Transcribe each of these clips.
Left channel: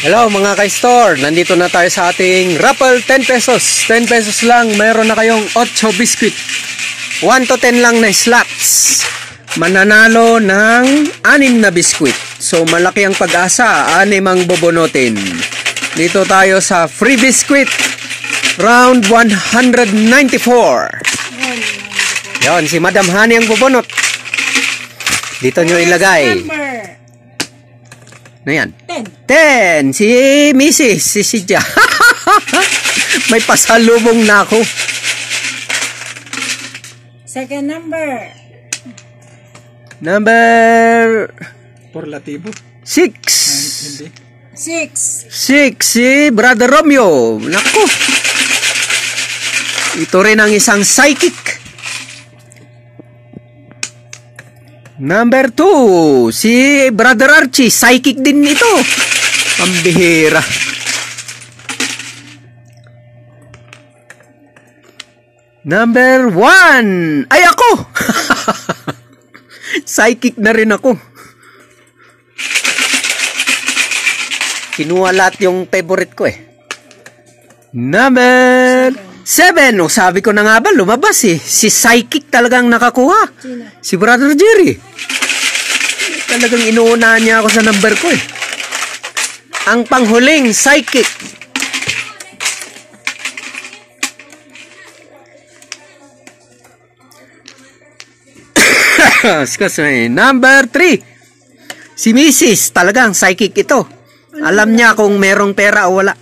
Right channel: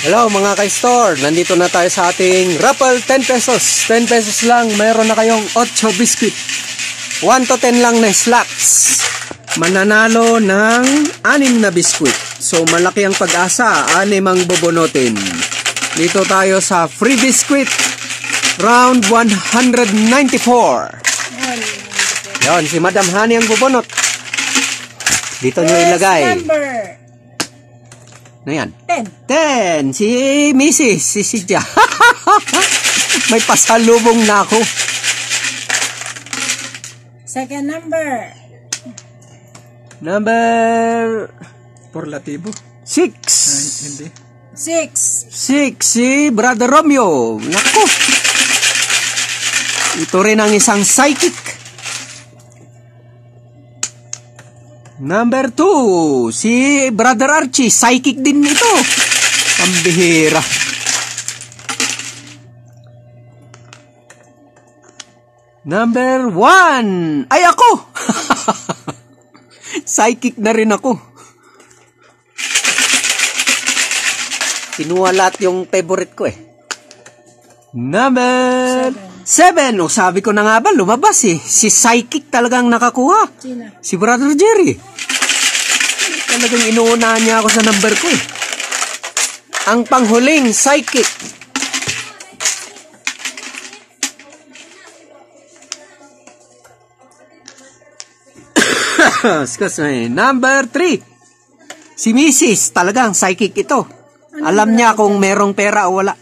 Hello mga ka-store, nandito na tayo sa ating raffle 10 pesos. 10 pesos lang, mayroon na kayong 8 biscuit. 1 to 10 lang na slots. Mananalo ng 6 na biscuit. So malaki ang pag-asa, 6 ang bubunutin. Dito tayo sa free biscuit. Round 194. Yon, si Madam Honey ang bubunot. Dito nyo ilagay. Ano yan? 10. Si Mrs. Si Sidya. May pasalubong na ako. Second number. Number... Porlativo. 6. 6. Si Brother Romeo. Naku. Ito rin ang isang psychic. Number 2, si Brother Archie, psychic din ito. Pambihira. Number 1, ay ako. Psychic na rin ako. Kinuha lahat yung favorite ko eh. Number 7, o sabi ko na nga ba, lumabas eh. Si psychic talagang nakakuha. Si Brother Jerry. Talagang inuunahan niya ako sa number ko eh. Ang panghuling, psychic. Excuse me. Number 3. Si Mrs. Talagang psychic ito. Alam niya kung merong pera o wala.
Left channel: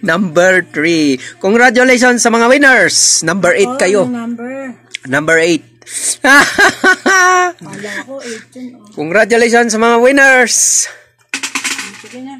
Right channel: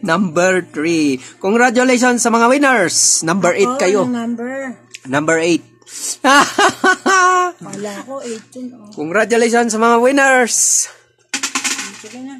Number 3. Congratulations sa mga winners. Number 8 kayo. Number 8. Wala ko 8 yun. Congratulations sa mga winners. Sige na.